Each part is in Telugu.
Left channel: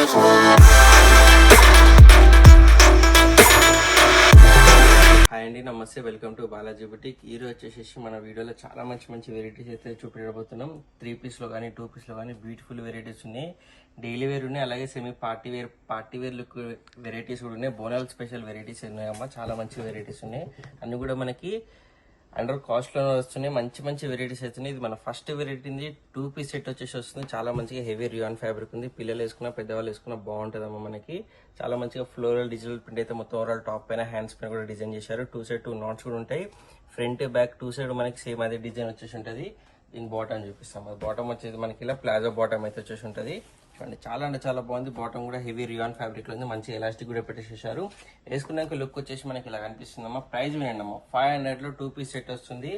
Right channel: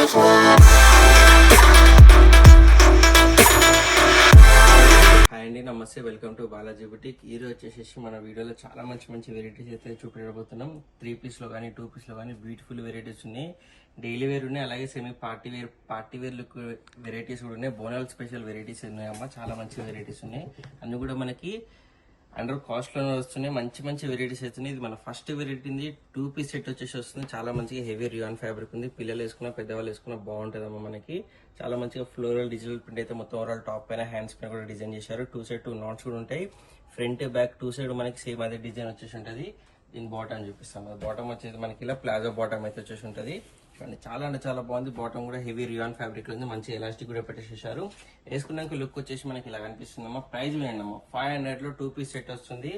హాయ్ అండి, నమస్తే. Welcome to Balaji boutique. ఈ రోజు వచ్చేసి మన వీడియోలో చాలా మంచి వెరైటీస్ అయితే చూపించబోతున్నాం. 3 పీస్లో కానీ 2 పీస్లో కానీ బ్యూటిఫుల్ వెరైటీస్ ఉన్నాయి. డైలీ వేర్ ఉన్నాయి, అలాగే semi party wear look varieties కూడా ఉన్నాయి. బోనాల్ స్పెషల్ వెరైటీస్ ఉన్నాయమ్మా, చాలా మంచి వెరైటీస్ ఉన్నాయి. అన్ని కూడా మనకి అండర్ కాస్ట్ లో వస్తున్నాయి. మంచి వెరైటీస్ అవుతున్నాయి. ఇది మన ఫస్ట్ వెరైటీ 2 పీస్ సెట్ వచ్చేసి వస్తుంది. చాలా మంచిగా హెవీ రియాన్ ఫ్యాబ్రిక్ ఉంది. పిల్లలు వేసుకున్నా పెద్దవాళ్ళు వేసుకున్నా బాగుంటుందమ్మా. మనకి చాలా మంచిగా ఫ్లోరల్ డిజిటల్ ప్రింట్ అయితే మొత్తం ఓవరాల్ టాప్ పైన హ్యాండ్స్ పైన కూడా డిజైన్ చేశారు. 2 సైడ్ 2 నాట్స్ కూడా ఉంటాయి. ఫ్రంట్ బ్యాక్ 2 సైడ్ మనకి సేమ్ అదే డిజైన్ వచ్చేసి ఉంటుంది. దీని బాటమ్ చూపిస్తాం. బాటమ్ వచ్చేసి మనకి ఇలా ప్లాజో బాటమ్ అయితే వచ్చేసి ఉంటుంది. చాలా అంటే చాలా బాగుంది. బాటమ్ కూడా హెవీ రియాన్ ఫ్యాబ్రిక్ లో ఉంది. మంచి ఎలాస్టిక్ కూడా పెట్టేసేసారు. వేసుకున్నాక లుక్ వచ్చేసి మనకి ఇలా కనిపిస్తుందమ్మా. ప్రైస్ వేయండి 500 లో 2 పీస్ సెట్ వస్తుంది.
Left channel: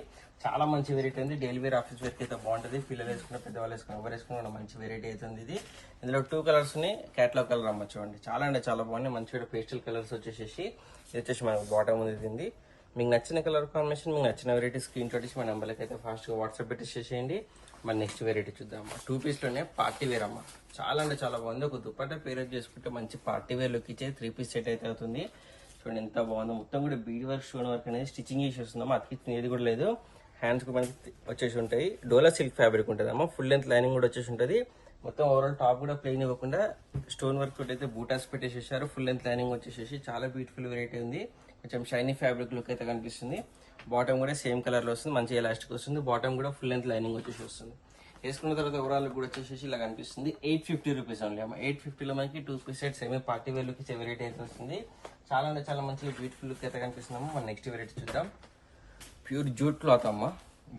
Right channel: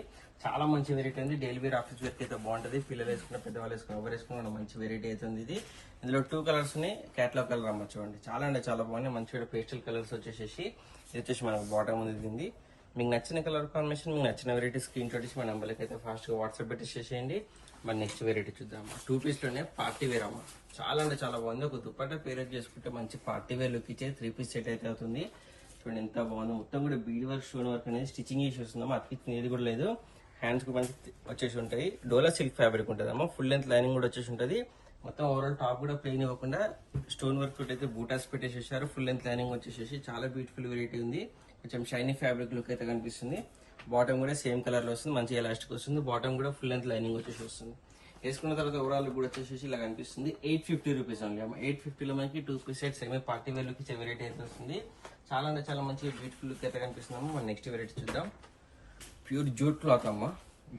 చాలా మంచి వెరైటీ ఉంది. డైలీ వేర్ ఆఫీస్ వేర్ అయితే బాగుంటుంది. పిల్లలు వేసుకున్న పెద్దవాళ్ళు వేసుకున్న ఎవరు వేసుకున్న మంచి వెరైటీ అవుతుంది. ఇది ఇందులో 2 కలర్స్ ని క్యాట్లాగ్ కలర్ అమ్మ చూడండి. చాలా అంటే చాలా బాగుంది. మంచిగా పేస్టల్ కలర్స్ వచ్చేసి ఇది వచ్చేసి మనకు బాటమ్ ఉంది. మీకు నచ్చిన కలర్ కాంబినేషన్, మీకు నచ్చిన వెరైటీ స్క్రీన్ షాట్ ఇచ్చి మన నెంబర్కి అయితే ఫాస్ట్గా వాట్సాప్ పెట్టేసేయండి. మన నెక్స్ట్ వెరైటీ చూద్దాం. 2 పీస్లోనే పార్టీ వేర్ అమ్మ. చాలా అంటే చాలా బాగుంది. ఒక దుపట్టా పేరప్ చేసుకుంటే మంచి పార్టీ వేర్ లుక్ ఇచ్చే 3 పీస్ సెట్ అయితే అవుతుంది. చూడండి ఎంత బాగుందో. మొత్తం కూడా బీడ్ వర్క్, స్టోన్ వర్క్ అనేది స్టిచ్చింగ్ చేసి వస్తుందమ్మా. అతికి ఏది కూడా లేదు. హ్యాండ్స్ కు మనకి వచ్చేసి ఉంటాయి. డోలా సిల్క్ ఫ్యాబ్రిక్ ఉంటుంది అమ్మా. ఫుల్ లెంత్ లైనింగ్ కూడా వచ్చేసి ఉంటుంది. మొత్తం ఓవరాల్ టాప్ కూడా ప్లెయిన్ ఇవ్వకుండా స్టోన్ వర్క్ తోటి అయితే బూటాస్ పెట్టేసేసారు. ఫుల్ లెంత్ లైనింగ్ వచ్చేసి చాలా బ్యూటిఫుల్ వెరైటీ ఉంది. కొంచెం షైనీ ఫ్యాబ్రిక్ లుక్ అయితే కనిపిస్తుంది. బాటమ్ కూడా సేమ్ కలర్ లో వస్తుంది. మంచి ఎలాస్టిక్ వస్తుంది. బాటమ్ కూడా ఫుల్ లెంత్ లైనింగ్ వచ్చేసి వస్తుంది. వేసుకున్న తర్వాత ఓవరాల్ కూడా వచ్చేసి ఇలా కనిపిస్తుంది. 850 రూపీస్ ఓన్లీ అమ్మ. 850 లో మనకి 2 piece set semi party wear look ఇచ్చే వెరైటీ అయితే వస్తుంది. చాలా అంటే చాలా మంచి బ్యూటిఫుల్ లుక్ అయితే కనిపిస్తుంది. మన నెక్స్ట్ వెరైటీ చూద్దాం. ప్యూర్ జూట్ క్లాత్ అమ్మ.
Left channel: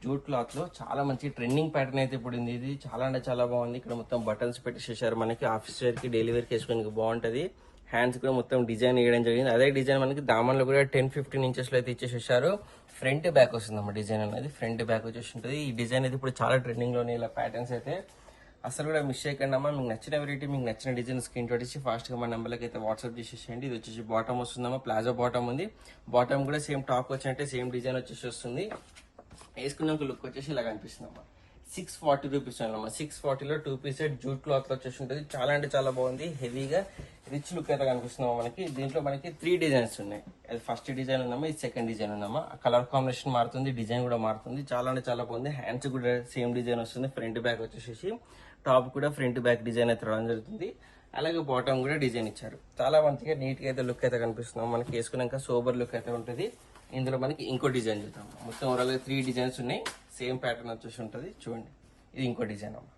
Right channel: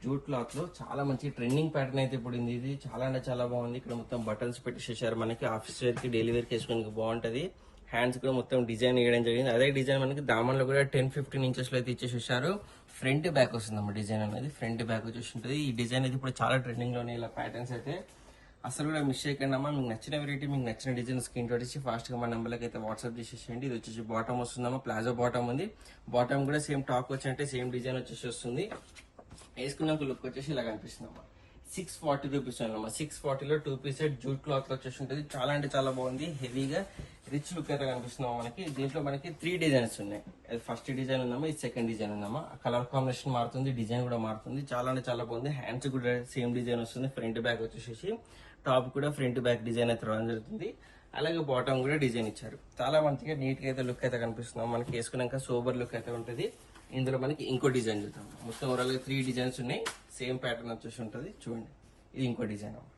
జూట్ క్లాత్ లో చాలా మంచి ట్రెండింగ్ ప్యాటర్న్ అయితే ఇప్పుడు ఇది. చాలా అంటే చాలా బాగుంది. ఇక్కడ మొత్తం బటన్స్ పెట్టేసేసారు. మనకి ఆఫీస్ వేర్ కి డైలీ వేర్ కి వేసుకోవడానికి బాగుంటది. హ్యాండ్స్ కూడా మొత్తం డిజైన్ వేయడం జరిగింది. అదే డిజైన్ మనకి దామన్లో కూడా 10-15 ఇంచెస్ లో అయితే ఇచ్చేసేసారు. ఫ్రంట్ బ్యాక్ వస్తుందమ్మా. డిజైన్ అనేది ఫ్రంట్ బ్యాక్ వచ్చేసి ఉంటుంది. ఈ డిజైన్ అయితే ఇప్పుడు చాలా ట్రెండింగ్ లోనే ఇలా ప్యాటర్న్స్ అయితే అసలు కూడా మిస్ చేయకండి అమ్మా. మీకు నచ్చిన వెరైటీ, మీకు నచ్చిన డిజైన్ స్క్రీన్ షాట్ ఇచ్చి ఫాస్ట్ గా మన నెంబర్కి అయితే వాట్సాప్ చేసేసేయండి. ఇది వచ్చేసి బాటమ్ వస్తుందమ్మా. ప్లాజో బాటమ్ ఉంది. బాటమ్ కూడా సేమ్ టాప్ వచ్చినట్టే సేమ్ డిజైన్ వచ్చేసి వస్తుంది. వేసుకున్నాక లుక్ వచ్చేసి ఇలా కనిపిస్తుందమ్మా. 640 రూపీస్ అన్నమాట. 640 లో 2 పీస్ సెట్ జూట్ క్లాత్ వచ్చేసి ఉంటుంది. చాలా అంటే చాలా బాగుంది. హెవీగా రిచ్ లుక్ అయితే కనిపిస్తున్నాం మనకి. దీంట్లో మనకి 3 డిజైన్స్ ఉన్నాయి. అది ఫస్ట్ డిజైన్ ఉందమ్మా, ఇది సెకండ్ డిజైన్ ఉందమ్మా. కలర్ కాంబినేషన్ మారుతుంది, డిజైన్ కూడా మారుతుంది. చాలా అంటే చాలా బాగుంది. హ్యాండ్స్ కూడా సేమ్ డిజైన్ వస్తుంది. ఫ్రంట్ బ్యాక్ వచ్చేసి టాప్ కూడా ఫ్రంట్ బ్యాక్ డిజైన్ అయితే రావడం జరుగుతుంది. అలాగే బాటమ్ కూడా డిజైన్ ఇచ్చారు. చాలా మంచిగా నీట్ గా అయితే లుక్ అయితే కనిపిస్తున్నాం మనకి. వేసుకున్నాక సోబర్ లుక్ అయితే ఉంటుంది. ఇందులో మనకి ఇంకో డిజైన్ చూద్దాం. మొత్తం ఓవరాల్ 3 డిజైన్స్ ఉన్నాయి. సేమ్ ప్యాటర్న్ వచ్చేసి ఉంటుంది. చూడండి, ఇది ఇంకో డిజైన్ అమ్మ.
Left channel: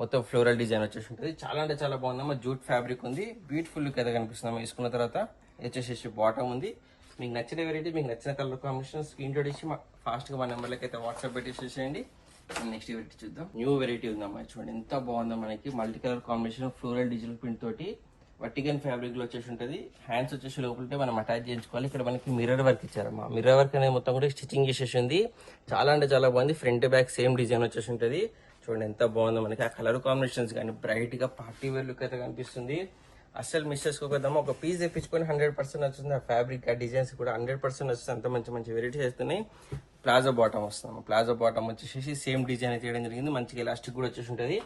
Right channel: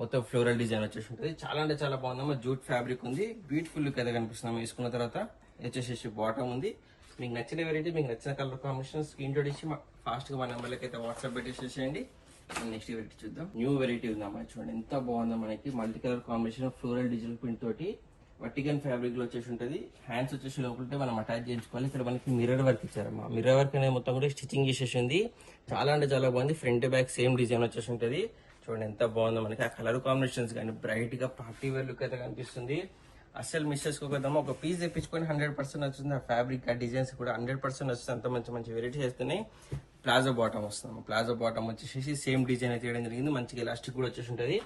మొత్తం ఫ్లోరల్ డిజైన్ వచ్చేసి ఉంటుంది. చాలా అంటే చాలా బాగుందమ్మా. జూట్ ఫ్యాబ్రిక్ ఉంది. బ్యూటిఫుల్ లుక్ అయితే కనిపిస్తున్నాం. వేసుకున్న తర్వాత వచ్చేసి బాటమ్ ఉంది. మీకు నచ్చిన వెరైటీ, మీకు నచ్చిన కలర్ కాంబినేషన్ స్క్రీన్ షాట్ ఇచ్చి ఫాస్ట్ గా మా నెంబర్లకి అయితే వాట్సాప్ పెట్టేసేయండి. నెక్స్ట్ వెరైటీ చూద్దాం. న్యూ వెరైటీ ఉందమ్మా. చూడండి ఎంత బాగుందో. మనకి multi colour combination floral digital print తోటి వర్టికల్ ఫ్యాబ్రిక్ లో వచ్చేసి ఉంటుంది. హ్యాండ్స్ వచ్చేసి లోపలితే మనం అటాచ్ చేయించుకోవాలి. ఇక్కడ మనకి మిర్రర్ వర్క్ ఇచ్చారమ్మా. మిర్రర్ వర్క్ అనేది మొత్తం కూడా స్టిచ్చింగ్ చేసేసి ఉంది. చాలా అంటే చాలా బాగుంది. ఫ్రంట్ బ్యాక్ సేమ్ డిజైన్ వచ్చేసి ఉంటుంది. చూడండి ఎంత బాగుందో. మనకి ఆ కలర్ కాంబినేషన్స్ కానీ బ్రైట్ గా పార్టీ వేర్ లుక్ అయితే కనిపిస్తుంది. అస్సలు మిస్ చేసుకోకద్దామా. ఒక పీస్ తెప్పించుకొని 100% వస్తుంది. ఆ ఫ్యాబ్రిక్, ఆ డిజైన్స్ కూడా 100% వస్తుంది. అంత మంచి వెరైటీస్ వేస్తున్నాయి. ప్లాజో బాటమ్ వస్తుంది. ప్లాజో బాటమ్ వచ్చేసి సేమ్ డిజైన్ అయితే వేయడం జరిగింది. మంచిగా ఎలాస్టిక్ కూడా వచ్చేసి ఉంటుంది.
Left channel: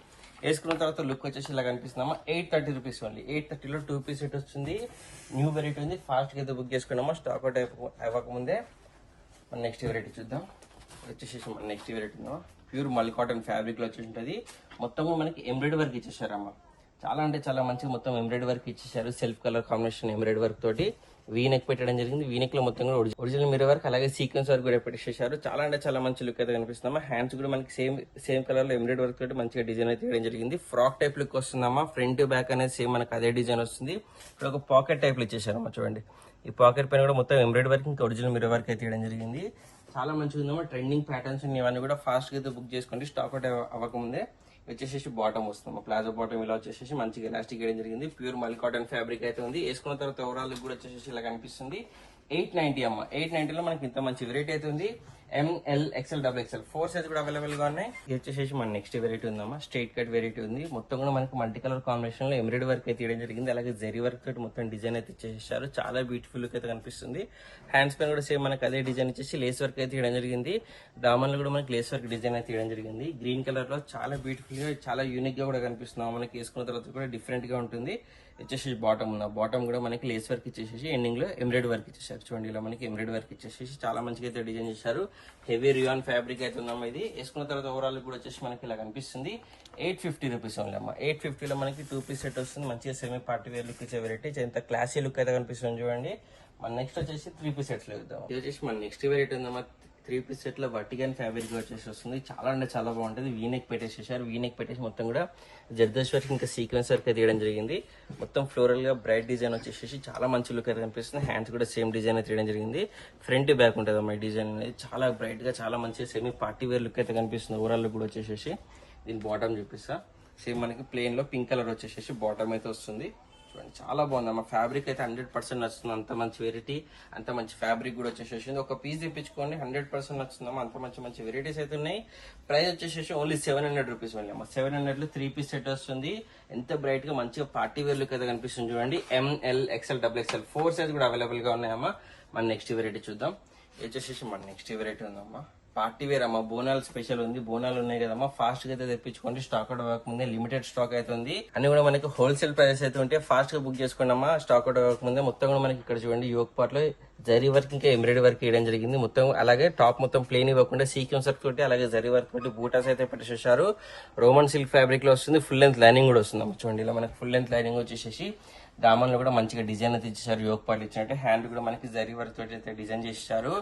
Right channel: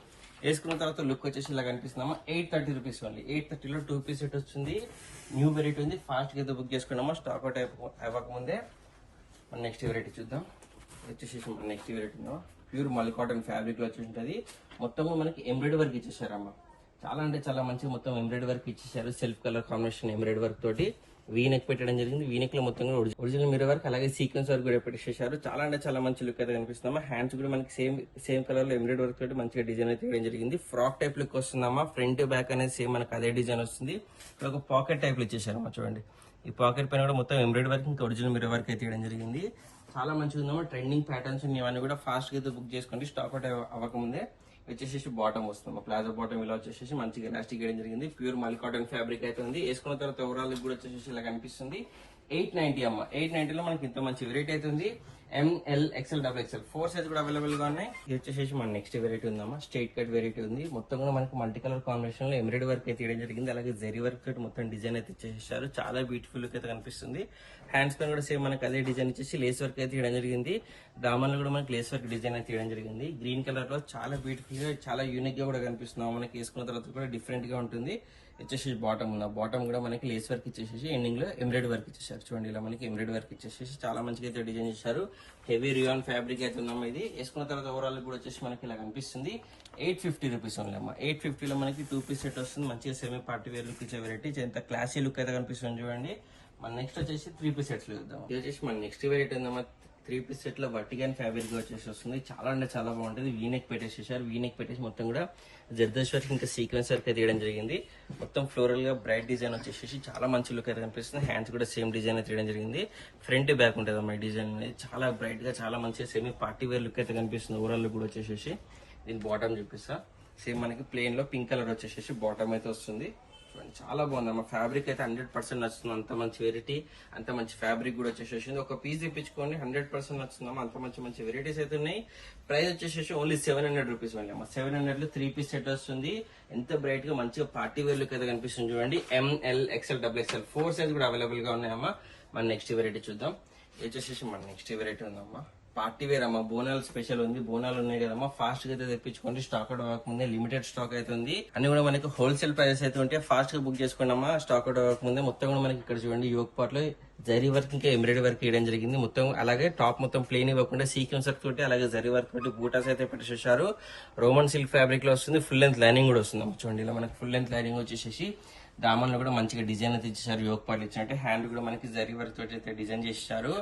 వేసుకున్న తర్వాత లుక్ వచ్చేసి ఇలా కనిపిస్తున్నామా. 830 రూపీస్ ఓన్లీ. 830 లో 2 పీస్ సెట్ వస్తుంది. న్యూ వెరైటీ ఉంది. ఫాస్ట్ గా అయితే బుక్ చేసుకున్నామా. స్టాక్ అవుట్ అవ్వకముందే మన నెక్స్ట్ వెరైటీ చూద్దాం. వచ్చేసి మన నెక్స్ట్ వెరైటీ ఉందా. ప్యూర్ మల్ కాటన్ ఫ్యాబ్రిక్ లో వచ్చేసి ఉంటుంది. మొత్తము మనకి ఎంబ్రాయిడరీ వర్క్ ఇచ్చేసారమ్మా. చాలా అంటే చాలా మంచిగా మొత్తం ఎంబ్రాయిడరీ వర్క్ ఇచ్చేసారు. Self colour combination embroidery work తోటి వీ నెక్ పెట్టడం జరిగింది. వీ నెక్ లో మొత్తం కూడా ఒరిజినల్ మిర్రర్ వర్క్, అలాగే సీక్వెన్స్ వర్క్ కూడా పెట్టేసారు. చాలా అంటే చాలా మంచి లుక్ అయితే కనిపిస్తుందమ్మా. హ్యాండ్స్ కూడా మనకి సేమ్ కలర్ లో ఎంబ్రాయిడరీ వర్క్ తోటి మంచిగా డిజైన్ అయితే వేయడం జరిగింది. ఫ్రాక్ టైప్ లుక్ వస్తుందమ్మా. ఫ్రంట్ బ్యాక్ అనేది సేమ్ మనకి అదే డిజైన్ వస్తుంది. ఇక్కడ ఒక పాకెట్ టైప్ లో ఇచ్చేసారమ్మా. చూడండి, ఈ పాకెట్ పైన కూడా మొత్తం ఎంబ్రాయిడరీ వర్క్, ఇంకా ఒరిజినల్ మిర్రర్ వర్క్ అయితే వేయడం జరిగింది. చాలా మంచిగా ఉందమ్మా. ట్రెండింగ్ ప్యాటర్న్స్ ఇవన్నీ కూడా ఫాస్ట్ గా అయితే బుక్ చేసుకోండి. స్టాక్ అవుట్ అవ్వకముందే. వచ్చేసి బాటమ్ వస్తుంది. ప్లాజో బాటమ్ ఇలా వచ్చేసి మంచిగా ఎలాస్టిక్ వేయడం జరిగింది. ప్యూర్ మల్ కాటన్ ఫ్యాబ్రిక్ అయితే ఉంది. వేసుకున్న తర్వాత ఓవరాల్ కూడా వచ్చేసి ఇలా కనిపిస్తుంది. 890 అమ్మ. 890 లో మనకి ఇంత మంచి వెరైటీ అయితే ఉంది. M L XL double XL 4 size కూడా అవైలబుల్ గా ఉన్నాయి. ఇది వచ్చేసి మన నెక్స్ట్ వెరైటీ ఉందమ్మా, స్ట్రైట్ కట్ వెరైటీ ఉంది. మొత్తం కూడా మనకి మల్టీ కలర్ కాంబినేషన్ లో ఎంబ్రాయిడరీ వర్క్ అయితే ఇవ్వడం జరిగింది. అలాగే జరీ వర్క్ తోటి మొత్తం డిజైన్ అయితే ఇచ్చేసారు. చాలా బ్యూటిఫుల్ అయితే కనిపిస్తుంది. హ్యాండ్స్ పైన కూడా సేమ్ మనకి అదే డిజైన్ ఇచ్చేసి లేస్ వర్క్ అయితే ఇవ్వడం జరిగింది. దామన్లో కూడా మనకి లేస్ వర్క్ డిజైన్ అయితే ఇవ్వడం జరిగింది. గ్రీన్ కలర్ లో చాలా బ్యూటిఫుల్ గా చాలా యూనిక్ గా కూడా కనిపిస్తుంది. మనకి వేసుకున్న తర్వాత కూడా డిఫరెంట్ గా ఉంటుంది. వచ్చేసి బాటమ్ ఉన్న బాటమ్ కూడా మనకి లేస్ వర్క్ ఇచ్చేసి ఎండింగ్ లో ఎంబ్రాయిడరీ వర్క్ ఇచ్చేసారు. చూడండి ఇలా మనకి ఎంబ్రాయిడరీ వర్క్ ఇచ్చేసి చాలా మంచిగా అయితే డిజైన్ చేశారు. హెవీ రియాన్ ఫ్యాబ్రిక్ అయితే ఉందమ్మా. ఇది వేసుకున్న తర్వాత ఓవరాల్ కూడా వచ్చేసి మనకి ఇలా కనిపిస్తుంది. 850 రూపీస్ ఓన్లీ అమ్మా. 850 లో మనకి 2 పీస్ సెట్ వస్తుంది. మంచిగా సెమీ పార్టీ వేర్ లుక్ ఇచ్చే వెరైటీ, ఎంత క్లాసీ లుక్ అయితే కనిపిస్తుంది చూడండి. మన నెక్స్ట్ వచ్చేసి 3 పీస్ సెట్స్ చూద్దాం. ఇది వచ్చేసి మన నెక్స్ట్ వెరైటీ ఉందమ్మా. 3 పీస్ సెట్ లో వర్టికన్ ఫ్యాబ్రిక్ వచ్చేసి వస్తుంది. చాలా అంటే చాలా బాగుంటుంది. వీనెక్ పెట్టేసేసారు. వీనెక్ పెట్టేసి మొత్తం కూడా జర్దోష్ వర్క్ ఇంకా సీక్వెన్స్ వర్క్ అయితే తీయడం జరిగింది. మొత్తం ఫ్లోరల్ గా బ్రైట్ డిజైన్ వచ్చేసి చాలా మంచి లుక్ అయితే కనిపిస్తుంది. హ్యాండ్స్ కూడా సేమ్ డిజైన్ అయితే తీయడం జరిగింది. ఫ్రంట్ బ్యాక్ ఉంటుంది అమ్మా డిజైన్ అనేది. చాలా బ్రైట్ గా చాలా మంచిగా సెమీ పార్టీ వేర్ లుక్ అయితే కనిపిస్తుంది. ఓవరాల్ లుక్ కూడా వచ్చేసి దీని బాటమ్ చూపిస్తా. సేమ్ మనకి ప్లేన్ లో పింక్ కలర్ వచ్చేసి బాటమ్ అయితే వస్తుంది. చాలా బాగుంది అమ్మా. ఫ్యాబ్రిక్ అయితే 100% నచ్చుతుంది. అంత మంచి వెరైటీ, అంత మంచి ఫ్యాబ్రిక్ కూడా వచ్చేసేసింది. ఒక పీస్ తెప్పించుకోండి, 100% నచ్చుతుందమ్మా. అంత మంచి మంచి వెరైటీస్ అయితే ఉన్నాయి. ప్రైస్ వచ్చేసి ఓన్లీ 700 రూపీస్ ఓన్లీ అమ్మా. 700 లో 3 పీస్ సెట్ వస్తుంది. ఎంత బ్రైట్ గా మంచిగా పార్టీ వేర్ లుక్ అయితే కనిపిస్తుంది చూడండి. M L XL double XL 4 size కూడా అవైలబుల్ గా ఉన్నాయమ్మా. మన నెక్స్ట్ వెరైటీ చూద్దాం. వచ్చేసి మన నెక్స్ట్ వెరైటీ ఉందమ్మా. పార్టీ వేర్ అమ్మా. బోనాలు స్పెషల్ ఉంది. బోనాలు ఉన్నాయి కదమ్మా, ఫాస్ట్ గా అయితే తెప్పించుకోండి. స్టాక్ అవుట్ అవ్వకముందే లిమిటెడ్ స్టాక్ అయితే ఉంది. అన్ని కూడా మనకి హోల్సేల్ ప్రైసెస్ అయితే ఉంటే ఫాస్ట్ గా బుక్ చేసుకోండి అమ్మా. స్టాక్ అవుట్ అవ్వకముందే మొత్తం కూడా మనకి ఇక్కడ చూడండి యోక్ పార్ట్ లో జరీ వర్క్ ఇంకా ఎంబ్రాయిడరీ వర్క్ వేయడం జరిగింది. మొత్తం అలాగే టాప్ మొత్తం ప్లేన్ ఇవ్వకుండా సీక్వెన్స్ వర్క్ తోటి అలాగే జరీ వర్క్ తోటి బూటాస్ అయితే పెట్టేసేసారు. రోమన్ సిల్క్ ఫ్యాబ్రిక్ లో వస్తుంది. ఫుల్ లెంత్ లైనింగ్ కూడా వస్తుంది అమ్మా. చూడండి ఇలా మనకి ఫుల్ లెంత్ లైనింగ్ వచ్చేసి దామన్లో కూడా మంచిగా డిజైన్ అయితే ఇచ్చేసారు. యోక్ పార్ట్ ఇచ్చినట్టు హ్యాండ్ కూడా మనకి జరీ వర్క్ తోటి అయితే డిజైన్ చేశారు.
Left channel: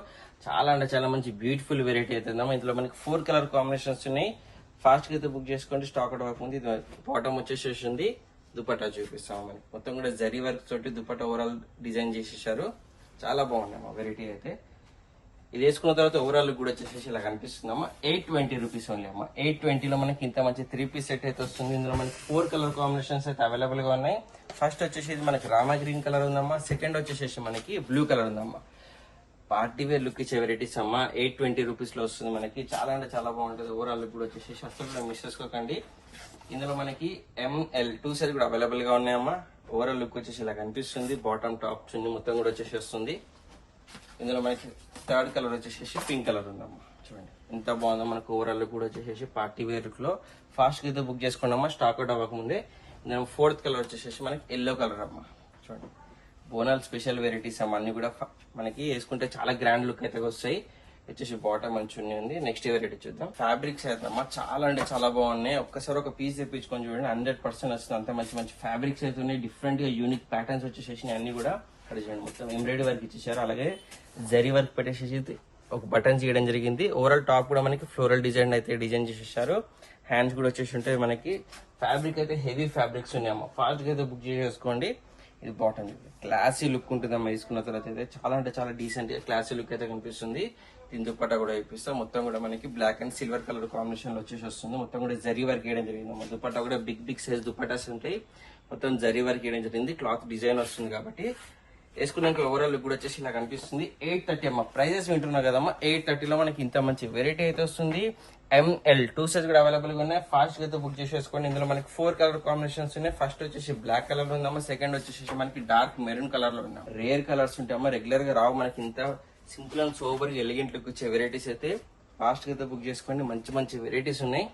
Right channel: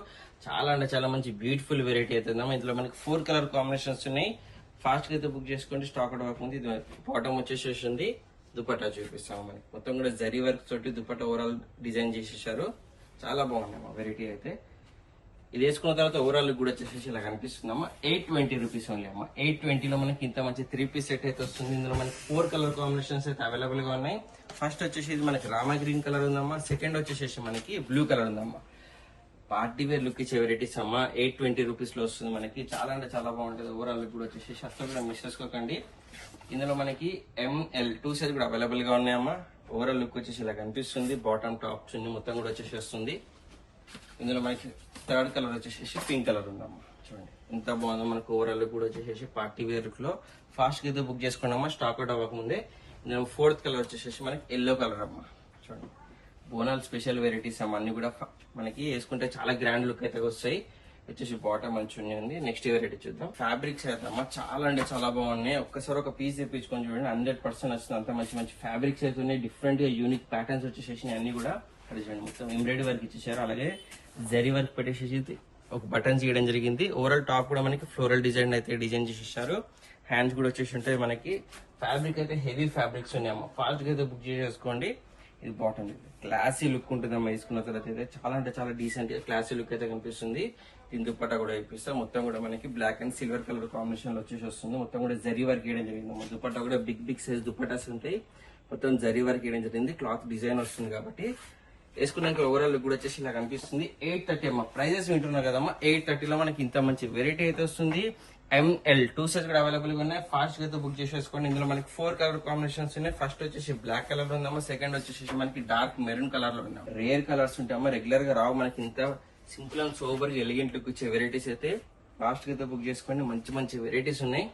చాలా అంటే చాలా మంచి బ్యూటిఫుల్ వెరైటీ అయితే ఉందమ్మా. ఇందులో మనకి 4 కలర్ కాంబినేషన్స్ ఉన్నాయి. ఫాస్ట్ గా అయితే బుక్ చేసుకోండి. స్టాక్ అవుట్ అవ్వకముందు. ఇది బాటమ్ వచ్చేసేసింది. దుపట్టా చూపిస్తాం మనకి. మొత్తం కూడా జరీ వర్క్ తోటి దుపట్టా ఓవరాల్ డిజైన్ చేసేసారు. చాలా బాగుందమ్మా వెరైటీ అయితే. ఇది వేసుకున్న తర్వాత ఓవరాల్ కూడా వచ్చేసి ఇలా కనిపిస్తుందమ్మా. 820 రూపీస్ ఓన్లీ అమ్మా. 820 లో మనకి ఇంత మంచి 3 పీస్ సెట్ అయితే వస్తుంది. ఇందులో మనకి 4 కలర్ కాంబినేషన్స్ అయితే అవైలబుల్ గా ఉన్నాయి. ఫస్ట్ వచ్చేసి ఇది మనకి రామా గ్రీన్ కలర్ ఉందమ్మా. సెకండ్ వచ్చేసి మనకి బ్లూ కలర్ ఉందమ్మా. పార్టీ వేర్ లుక్ ఇచ్చే వెరైటీస్ అమ్మా. 820 రూపీస్ లో వస్తుంది మనకి. చాలా అంటే చాలా బాగుంటుంది. ఓవరాల్ లుక్ కూడా వచ్చేసి అసలు కూడా మిస్ చేసుకోకండి. ఇందులో మనకి ఎంఎల్ 2 సైజ్ కూడా అవైలబుల్ గా ఉన్నాయమ్మా. ఓవరాల్ లుక్ వచ్చేసి ఇలా కనిపిస్తుంది. బాటమ్ టాప్ చున్నీ మొత్తం కూడా వచ్చేసి వస్తుంది. ఇందులో మనకి థర్డ్ కలర్ వచ్చేసి పింక్ కలర్ ఉందమ్మా. చూడండి ఎంత బాగుందో. మనకు ఓవరాల్ లుక్ కూడా వచ్చేసి పార్టీ వేర్ లుక్ లో ఫాస్ట్ గా అయితే బుక్ చేసుకున్నామా. స్టాక్ అవుట్ అవ్వకముందే. ఇందులో 4th కలర్ వచ్చేసి మనకి ఎల్లో కలర్ అమ్మా. చూడండి బోనాల్ స్పెషల్ వెరైటీస్ అమ్మా. అన్ని కూడా మనకి వేసుకుంటే చాలా గ్రాండ్ లుక్ అయితే వస్తాయి. వచ్చేసి బాటమ్ మంచిగా ఉంది. నెక్స్ట్ వెరైటీ చూద్దాం. ఫ్యాబ్రిక్స్ అయితే అమ్మా చాలా అంటే చాలా బాగున్నాయి. ఒక్కసారి ఒక పీస్ తెప్పించుకొని చూడండి, 100% వస్తుంది. అంత మంచి మంచి ఫ్యాబ్రిక్స్ అయితే ఉన్నాయి. డిఫరెంట్ గా యూనిక్ ప్యాటర్న్స్ వచ్చేసి అన్ని కూడా చూడండి. మొత్తం ఎంబ్రాయిడరీ వర్క్ ఇచ్చేసారు. అలాగే జరీ వర్క్ పెట్టేసి ఒక బటన్స్ ఇవ్వడం జరిగింది. ఓవరాల్ టాప్ కూడా మనకి ఫ్లోరల్ డిజైన్ అయితే డిజైన్ చేసేసారు. హ్యాండ్స్ కూడా వచ్చేసి ఉంటాయి మనకి. ఫ్యాబ్రిక్ అయితే హెవీ ఫ్యాబ్రిక్స్ ఉన్నాయమ్మా. ఫాస్ట్ గా అయితే బుక్ చేసుకోండి. ఇది బాటమ్ క్లాసీ లుక్ ఉంటుందమ్మా. వేసుకున్న తర్వాత అయితే చాలా అంటే చాలా డీసెంట్ క్లాసీ లుక్ అయితే కనిపిస్తుంది. దీని దుపట్టా కూడా ఇప్పిస్తాం. మొత్తం కూడా మనకి black and silver colour combination లో వచ్చేసి వస్తుంది. మొత్తం కూడా జరీ వర్క్ వేయడం జరిగింది. దుపట్టా కూడా బిగ్ బిగ్ సైజ్ దుపట్టాస్ ఉంటాయి. మొత్తం జరీ వర్క్ వేయడం జరిగింది. క్లాత్ డిజైన్ వస్తుంది కాబట్టి వేసుకున్నాక ఓవరాల్ లుక్ కూడా వచ్చేసి ఇలా కనిపిస్తుంది. 830 అమ్మా. ప్రైజెస్ వింటున్నారు కదమ్మా. 830 లో మనకి ఇంత మంచి వెరైటీ అయితే వస్తుంది. ఎంఎల్ 2 సైజ్ కూడా అవైలబుల్ గా ఉన్నాయి. ఫాస్ట్ గా అయితే బుక్ చేసేసుకోండి. ఇందులో మనకి 4 కలర్ కాంబినేషన్స్ ఉన్నాయి. ఫస్ట్ వచ్చేసి బ్లాక్ కలర్ లో ఉందమ్మా. సెకండ్ వచ్చేసి మనకి డార్క్ మెరూన్ కలర్ లో ఉందాం. Rare colours ఉంటాయమ్మా. రెగ్యులర్ గా రావు మనకి. ఇంత simple and sober elegant look వచ్చే వెరైటీస్ అయితే ఫాస్ట్ గా అయితే బుక్ చేసుకోండి. మంచి మంచి వెరైటీస్ ఉన్నాయి.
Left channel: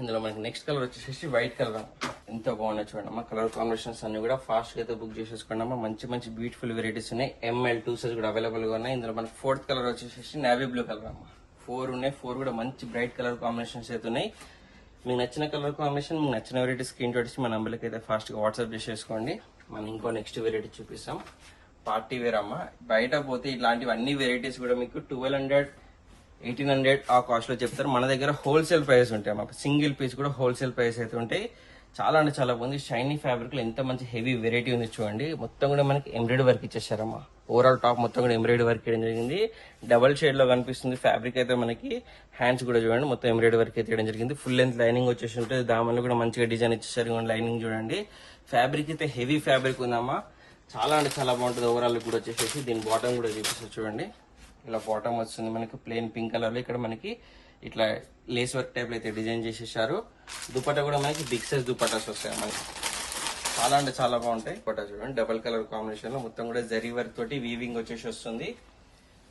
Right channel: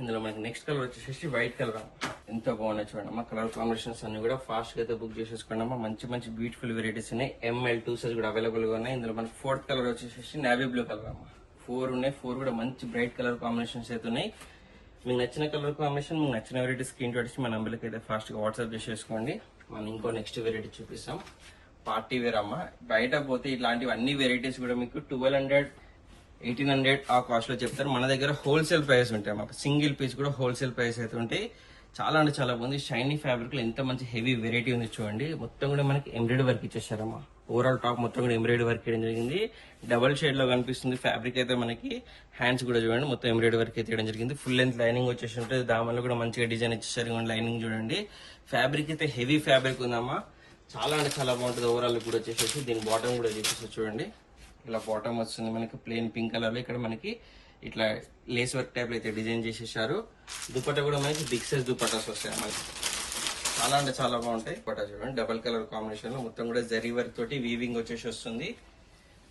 ఇందులో మనకి నెక్స్ట్ కలర్ వచ్చేసి వైట్ కలర్. ఎంత బాగున్నాయి చూడండి అమ్మా. కలర్ కాంబినేషన్స్ అన్ని కూడా ఫాస్ట్ గా అయితే బుక్ చేసేసుకోండి అమ్మా. మంచి మంచి బ్యూటిఫుల్ వెరైటీస్ ఉన్నాయి. ఎంఎల్ 2 సైజ్ కూడా అవైలబుల్ గా ఉన్నాయి. ఇందులో మనకి 4th కలర్ వచ్చేసి నేవీ బ్లూ కలర్ అమ్మా. 4 ఉన్నాయి. 4 కూడా మంచి బ్రైట్ కలర్ కాంబినేషన్స్ అయితే ఉన్నాయి. మీకు నచ్చిన కలర్ కాంబినేషన్, మీకు నచ్చిన వెరైటీ స్క్రీన్ షాట్ మన నంబర్కి అయితే ఫాస్ట్ గా వాట్సాప్ చేసేసుకోండి. మనం ఇంకో నెక్స్ట్ వెరైటీ చూపిస్తాం. పార్టీ వేర్ అమ్మా. బయట పోతే ఇట్లాంటివి అన్ని వెరైటీస్ కూడా మీకు 1200, 1800 ఆ కాస్ట్ లో చెప్తారు. మన దగ్గర హోల్సేల్ ప్రైస్ ఉంటాయి మాకు. సింగిల్ పీస్ కూడా హోల్సేల్ ప్రైస్ అయితే ఉంటాయి. చాలా అంటే చాలా బాగుంది. షైనీ ఫ్యాబ్రిక్ లో ఎంత మంచి హెవీ వెరైటీ ఉంది చూడండి. మొత్తం కూడా మనకి ఎంబ్రాయిడరీ వర్క్ ఇచ్చేసారమ్మా. ఓవరాల్ టాప్ మొత్తం కూడా ఎంబ్రాయిడరీ వర్క్ చేయడం జరిగింది. డబల్ షేడ్ లో కనిపిస్తుంది ఫ్యాబ్రిక్ అయితే మనకి. హ్యాండ్స్ కూడా చూడండి మొత్తం ఎంబ్రాయిడరీ వర్క్ అయితే చేయడం జరిగింది. ఫుల్ లెంత్ లైనింగ్ వచ్చేసి ఉంటుంది. దామన్లో కూడా మంచిగా డిజైన్ ఇచ్చేసారు. లైనింగ్ చూడండి. ఫ్యాబ్రిక్ అయితే హెవీ ఫ్యాబ్రిక్ ఉందమ్మా. చాలా అంటే చాలా బాగుంటుంది. ఓవరాల్ కూడా వచ్చేసి దీని బాటమ్ కూడా చూపిస్తుంది చూడండి. ఇలా బాటమ్ వస్తుంది మనకి ప్లెయిన్ పింక్ కలర్ లో. ఇక్కడ మనకి ఇట్లా లేస్ వర్క్ టైప్ లో అయితే డిజైన్ చేసేసారు. దుపట్టా కూడా మనకి బిగ్ సైజ్ దుపట్టాస్ వస్తాయి మనకి. చాలా అంటే చాలా బాగుంటాయి. దుపట్టా చూడండి డబల్ కలర్ కాంబినేషన్ లో మొత్తం కూడా జరీ వర్క్ తోటి వీవింగ్ వచ్చేసి వస్తుంది.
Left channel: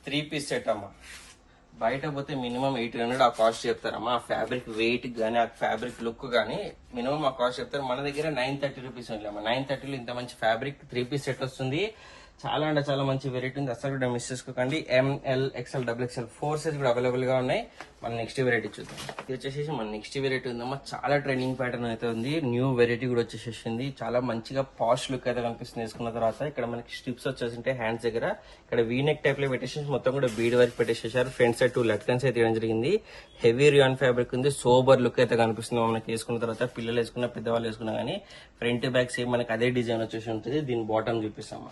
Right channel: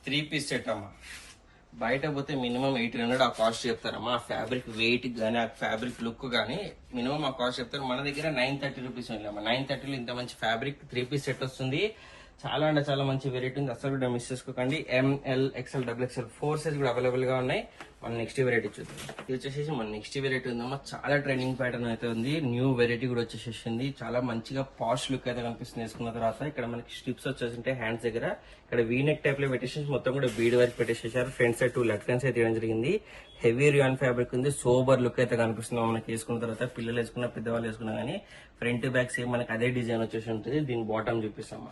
3 పీస్ సెట్ అమ్మా. బయట పోతే మినిమం 1800 ఆ కాస్ట్ చెప్తారమ్మా. ఆ ఫ్యాబ్రిక్ వెయిట్ గానీ ఆ ఫ్యాబ్రిక్ లుక్ గానీ మినిమం ఆ కాస్ట్ చెప్తారు. మన దగ్గర 930 రూపీస్ ఉంది అమ్మా. 930లో ఇంత మంచి ఫ్యాబ్రిక్ 3 పీస్ సెట్ వస్తుంది. చాలా అంటే చాలా మంచి వెరైటీ ఉంది. అసలు కూడా మిస్ చేసుకోకండి. ML XL XXL 4 సైజ్ కూడా అవైలబుల్ గా ఉన్నాయి. మనం నెక్స్ట్ వెరైటీ చూద్దాం. ఇది వచ్చేసి మన నెక్స్ట్ వెరైటీ ఉందమ్మా. చాలా ట్రెండింగ్ ప్యాటర్న్ అయితే ఉంది. న్యూ వెరైటీ కూడా వచ్చేసేసింది. చాలా మంచిగా పాష్ లుక్ అయితే కనిపిస్తుంది వేసుకున్న తర్వాత. ఇక్కడ మనకి స్ట్రిప్స్ వచ్చేసి హ్యాండ్స్ దగ్గర ఇక్కడ వీనెక్ టైప్ లో పెట్టేసి మొత్తం కూడా బీడ్ వర్క్ పెట్టేసేసారు. ఫ్రంట్ సైడ్ 2 లెఫ్ట్ అయితే ఇవ్వడం జరిగింది. హెవీ రియాన్ ఫ్యాబ్రిక్ ఉంది. సోబర్ లుక్ అయితే కనిపిస్తుంది మనకి వేసుకున్న తర్వాత. పిల్లలు వేసుకున్న పెద్దవాళ్ళు వేసుకున్నా కానీ ఫ్రంట్ బ్యాక్ సేమ్ మనకి అదే డిజైన్ వచ్చేసి ఉంటుంది. దీని బాటమ్ చూపిస్తాము.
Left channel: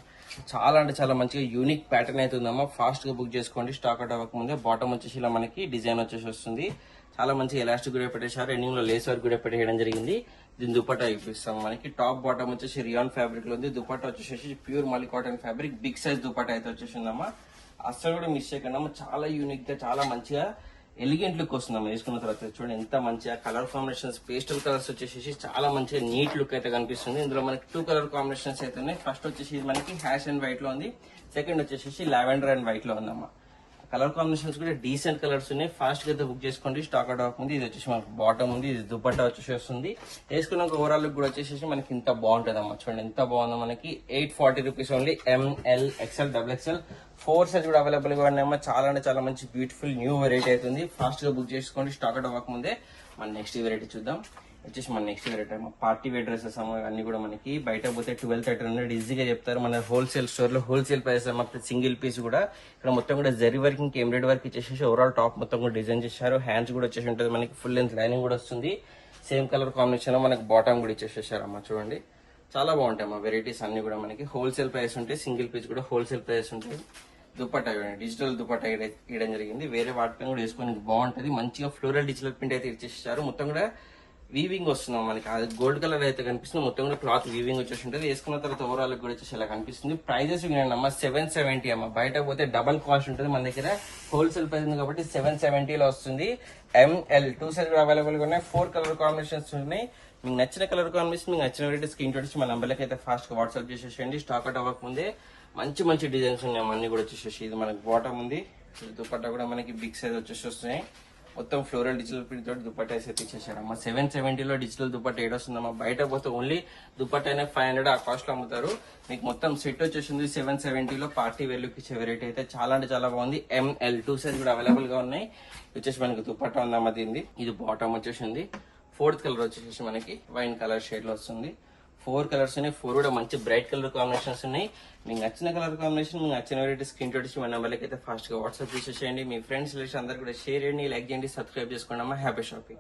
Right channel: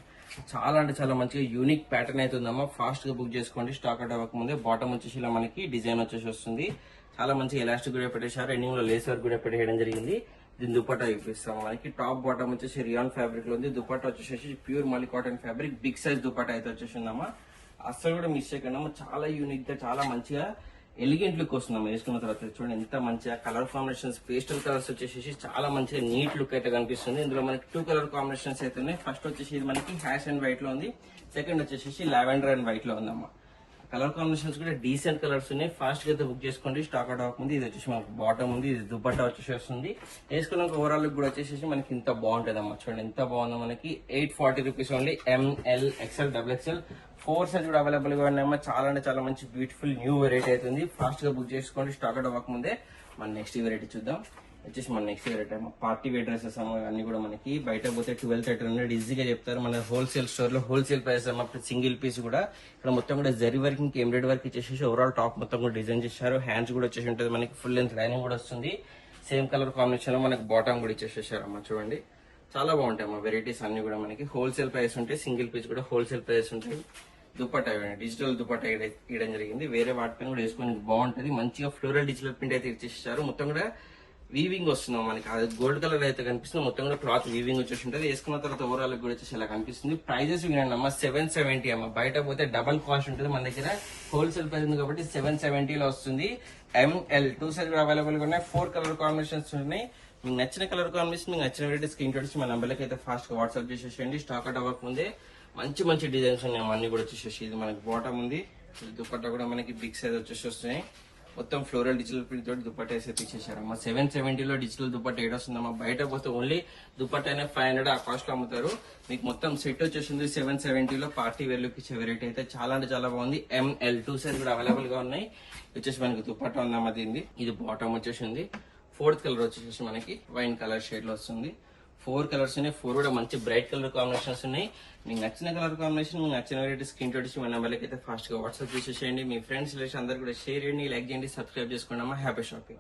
చాలా అంటే చాలా మంచిగా యూనిక్ ప్యాటర్న్ అయితే ఉందమ్మా. ఫాస్ట్ గా బుక్ చేసుకోండి. స్టాక్ అవుట్ అవ్వక ముందే. బాటమ్ వచ్చేసి ఇలా మనకి డిజైన్ వచ్చేసి వస్తుంది. చాలా మంచిగా ఎలాస్టిక్ కూడా పెట్టేశారు. ఎండింగ్ లో లేస్ వర్క్ కూడా పెట్టేయడం జరిగింది. దీని దుపట్టా చూపిస్తాం. మనకి టాప్ బాటమ్ వచ్చేసి రియాన్ ఫ్యాబ్రిక్ లో ఉంది. దుపట్టా వచ్చేసి ప్యూర్ మళ్ళీ cotton fabric big size dupatta అయితే వచ్చేసిందమ్మా. అస్సలు కూడా మిస్ చేయకుండా చాలా యూనిక్ గా చాలా మంచిగా ఎలిగెంట్ లుక్ వస్తుందమ్మా వేసుకున్న తర్వాత. చూడండి ఎంత మంచిగా కలర్ కాంబినేషన్స్ పేస్టల్ కలర్స్ వచ్చేసి చాలా మంచిగా నీట్ లుక్ అయితే కనిపిస్తుంది. ఇందులో మనకి 2 కలర్ కాంబినేషన్స్ అయితే ఉన్నాయి. ఫస్ట్ వచ్చేసి ఇది మనకి హ్యాష్ అండ్ వైట్ లో ఉంది. సెకండ్ వచ్చేసి లావెండర్ అండ్ వైట్ లో ఉందమ్మా. కలర్ కాంబినేషన్స్ కూడా డీసెంట్ కలర్స్ ఉన్నాయి. ఫాస్ట్ గా అయితే బుక్ చేసుకోండి. స్టాక్ అవుట్ అవ్వకముందు. ఇది వచ్చేసి మనకి బాటమ్ ఉంది. ఇది దుపట్టా వచ్చేసి వస్తుంది. వేసుకున్నాక ఓవరాల్ లుక్ కూడా వచ్చేసి మనకి ఇంత బాగుంటుంది అమ్మా. చూడండి ఎంత బాగుందో. మనకి 840 rupees only. ML XL XXL 4 size కూడా అవైలబుల్ గా ఉన్నాయమ్మా. చాలా అంటే చాలా మంచి బ్యూటిఫుల్ న్యూ వెరైటీ అవుతుంది. ఫాస్ట్ గా బుక్ చేసుకోండి. స్టాక్ అవుట్ అవ్వకముందే. మన నెక్స్ట్ వెరైటీ చూద్దాం. వచ్చేసి మన next variety party wear dresses అన్ని కూడా మనకి బయట పోతే 1200-1300 ఈజీగా చెప్తారు. మన హోల్సేల్ స్టోర్ లో హోల్సేల్ ప్రైస్ మొత్తం సింగిల్ పీస్ కూడా ఇక్కడ మొత్తం కూడా జరీ వర్కింగ్ ఎంబ్రాయిడరీ వర్క్ ఇచ్చేసి ఓవరాల్ టాప్ మొత్తం కూడా డిజైన్ చేశారు. హ్యాండ్స్ కూడా వచ్చేసి ఉంటుంది. మనకి ఫుల్ లెంత్ లైనింగ్ కూడా వస్తుంది. సేమ్ కలర్ కాంబినేషన్ లో మనకి బాటమ్ కూడా ఇచ్చేసేసారు అమ్మా. చూడండి చాలా బాగుంటాయి అమ్మా వెరైటీస్ అన్ని కూడా. మనకి హోల్సేల్ ప్రైస్ ఉంటాయి. సింగిల్ పీస్ కూడా హోల్సేల్ ప్రైస్ ఉంటాయి. దుపట్టా డిజిటల్ దుపట్టా ఇవ్వడం జరిగింది. వేరే వాటిపైన కూడా వేసుకొని బాగుంటది. మంచిగా ఫ్లోరల్ డిజిటల్ ప్రింట్ అయితే ఇచ్చేసారు. మొత్తం కూడా వీవింగ్ వస్తున్నాం మనకి. అది గోల్డ్ కలర్ అయితే కనిపిస్తుంది. మొత్తం కూడా క్లాత్ వీవింగ్ వచ్చేసి ఉంటుంది. వేసుకున్న తర్వాత ఓవరాల్ కూడా వచ్చేసి ఇలా కనిపిస్తుంది. ప్రైజెస్ వినండి అమ్మా. 770 అమ్మా. బయట పోతే డబల్ కాస్ట్ ఉంటుంది. మన దగ్గర హోల్సేల్ ప్రైస్ ఉంది కాబట్టి 770 లో వస్తుంది. ML 2 సైజ్ కూడా అవైలబుల్ గా ఉన్నాయి. 4 కలర్ కాంబినేషన్స్ ఉన్నాయి. మీకు నచ్చిన కలర్ కాంబినేషన్ మీకు నచ్చిన వెరైటీ స్క్రీన్ షాట్స్ మన నంబర్లకి అయితే ఫాస్ట్ గా వాట్సాప్ చేసేసేయండి. స్టాక్ అవుట్ అవ్వక ముందే. మంచి మంచి డిజైన్స్ ఉన్నాయి అన్ని కూడా వచ్చేసి. ఇది మనకి బాటమ్ ఉంది. దుపట్టా కూడా మనకి బిగ్ సైజ్ వచ్చేసి వస్తున్నాయి. మొత్తం ఫ్లోరల్ డిజిటల్ ప్రింట్ తోటి దుపట్టా అయితే ఇచ్చేసారమ్మా. 770 లో డిజిటల్ దుపట్టా ఏడొస్తుందమ్మా. బయట పోతే ఓన్లీ దుపట్టా 500 ఆ కాస్ట్ లో అమ్ముతారు. మీకు మొత్తం సెట్ వచ్చేసింది 770 లో. పార్టీ వేర్ లుక్ ఇచ్చే వెరైటీ అయితే చాలా అంటే చాలా బాగుంది. ML 2 సైజ్ కూడా అవైలబుల్ గా ఉన్నాయి. వచ్చేసి మనకి దుపట్టా ఉందమ్మా దీనిది. ఇది బాటమ్ వచ్చేసింది. 4th కలర్ వచ్చేసి మనకి వైన్ కలర్ షేడ్ లో వస్తుంది. 4 కలర్స్ ఉన్నాయి. 4 కూడా మంచి బ్రైట్ కలర్ కాంబినేషన్స్ ఉన్నాయి. మీకు నచ్చిన కలర్ కాంబినేషన్ మీకు నచ్చిన వెరైటీ స్క్రీన్ షాట్ మన నెంబర్లకి అయితే ఫాస్ట్ గా వాట్సాప్ చేసేసేయండి. మీ ఫ్రెండ్స్ రిలేషన్ అందరూ కూడా షేర్ చేయండి, లైక్ చేయండి, సబ్స్క్రైబ్ చేసుకోండి అమ్మా. Happy shopping.